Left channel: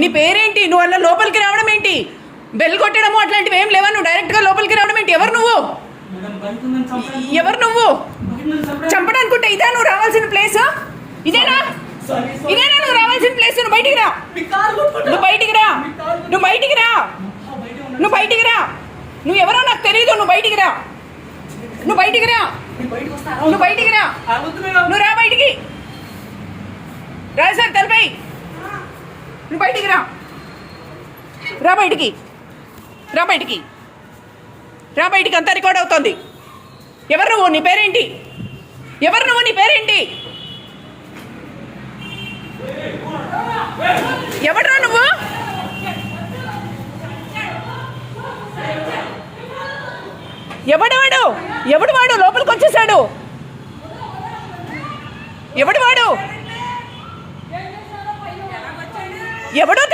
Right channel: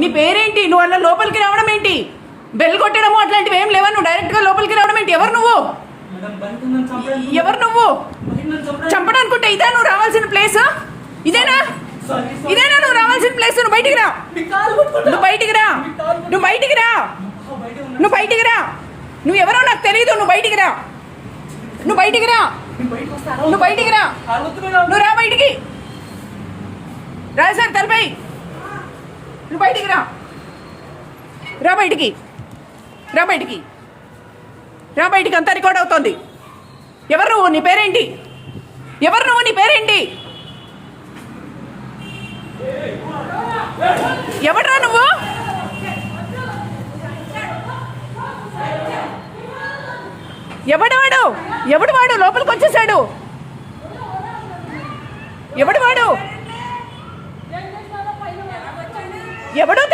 నీ పేరేంటి? నువ్వు అలా లోపలికి రావడం ఏంటి? బెల్ కొట్టడము అట్లాంటివి ఏం లేవా? నువ్వు డైరెక్ట్గా లోపలికి రావడం ఏంటి? ఎవరు నువ్వు? ఎవరు నువ్వు? చంపడానుకుంటే ఇదా నువ్వు రావాల్సిన ప్లేస్ ఇదేనా? ఇదేనా నువ్వు రావాల్సిన ప్లేస్ నువ్వు బయటికి రా. నువ్వు బయటికి రా. నువ్వు బయటికి రా. నువ్వు బయటికి రా. నువ్వు ఎవరో నాకు తెలియదు నువ్వు బయటికి రా. నువ్వు బయటికి రా. నువ్వు బయటికి రా. నువ్వు రా బయటికి. రా సార్ తలపై. నువ్వు బయటికి రా. రా బయటికి. రా బయటికి. రా బయటికి అంతా రికార్డ్ అవుతోంది. ఎవరు నువ్వు? నీ పేరేంటి? ఎవరు నువ్వు? నీ పేరేంటి? ఎవడరా నువ్వు? ఎవడు వాడు? ఎవడు వాడు? లోపలికి వచ్చేసాడు. ఎవడు వాడు? ఎవడో